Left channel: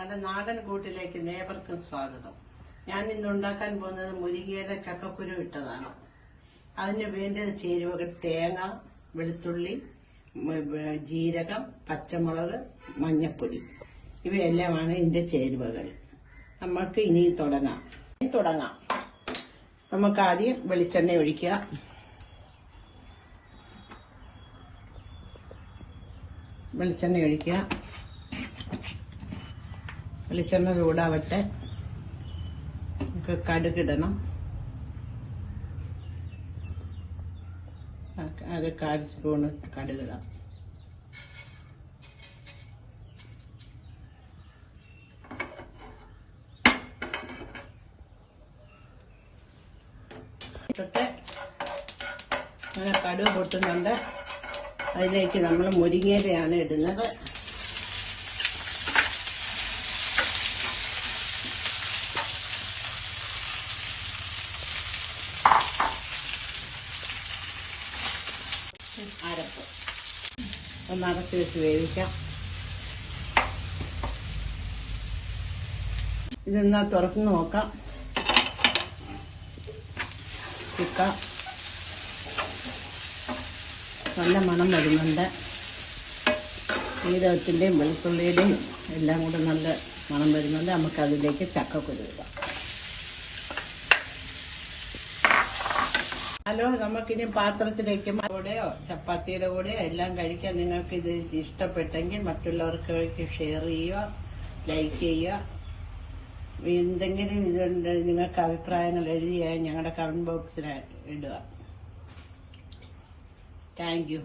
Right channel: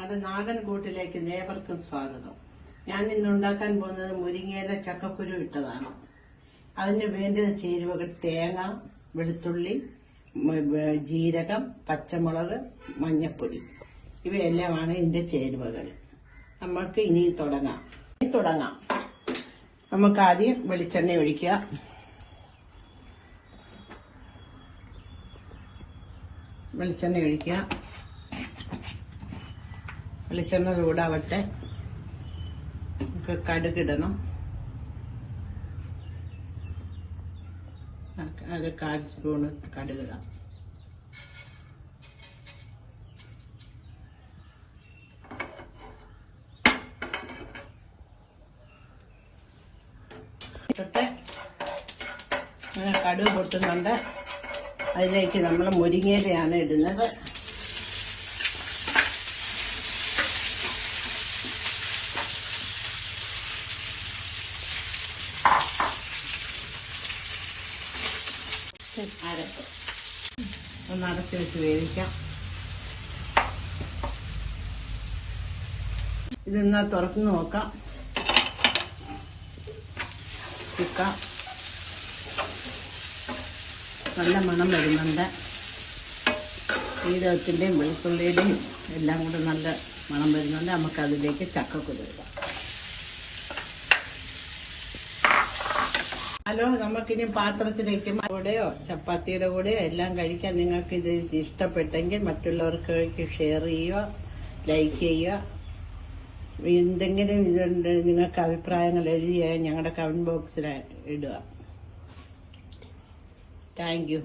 നാടൻ നാടൻ കൂട്ടിലേക്ക് നേവർക്കും സ്വാഗതം. ഞാൻ ഇന്ന് ഉണ്ടാക്കാൻ പോകുന്നത് മുരിങ്ങയില ചക്കക്കുരു ഇട്ടതാണ്. അതിന് വേണ്ടത് ചേരുവകൾ തേങ്ങ വെളുത്തുള്ളി ജീരകം പച്ചമുളക് മഞ്ഞപ്പൊടി. ഇവയെല്ലാമാണ് ഇതിന്റെ ചേരുവകൾ. നമുക്ക് ഇനി തുടങ്ങാം. ഇനി തുടങ്ങാം. നമുക്ക് ആദ്യം വെളിച്ചെണ്ണ ഒഴിക്കുക. വെളിച്ചെണ്ണ ഒഴിക്കുക. വെളിച്ചെണ്ണ ചൂടാവട്ടെ. കടുകിടണം അത് കാൽ സ്പൂണ് കടുകിടാം കടുക് പൊട്ടുന്നുണ്ട്. അതിലേക്ക് നമ്മൾ മുരിങ്ങേരയാണ് ഇടുന്നത്. അരപ്പ് ഒന്ന് അടച്ച് വെച്ച് വേവിക്കാം. ഇതെന്നാ തുറന്ന് നോക്കാം. ചിക്ക നല്ല മണം വരുന്നുണ്ട്. ജീരകത്തിന്റെയും വെളുത്തുള്ളിയുടെയും എല്ലാം കൂടെ നല്ല മണം വരുന്നുണ്ട്. നമുക്കതിലേക്ക് ചക്ക കൊടുക്കാം ഹലോ നമുക്കിനി പാത്രത്തിലേക്ക് കൂടെയോ ചപ്പാത്തിയുടെ കൂടെയോ എല്ലാം കഴിക്കാൻ നിങ്ങൾക്ക് ഇത് ഇഷ്ടപ്പെട്ടെങ്കിൽ മറ്റുള്ളവർക്ക് ഷെയർ ചെയ്യുക ലൈക്ക് ചെയ്യുക. എന്തെങ്കിലും ഇതുണ്ട് നിങ്ങൾക്ക് അഭിപ്രായങ്ങൾ എഴുതിയ ഞങ്ങളുടെ കമന്റ് ബോക്സിൽ ഇടുക. Thank you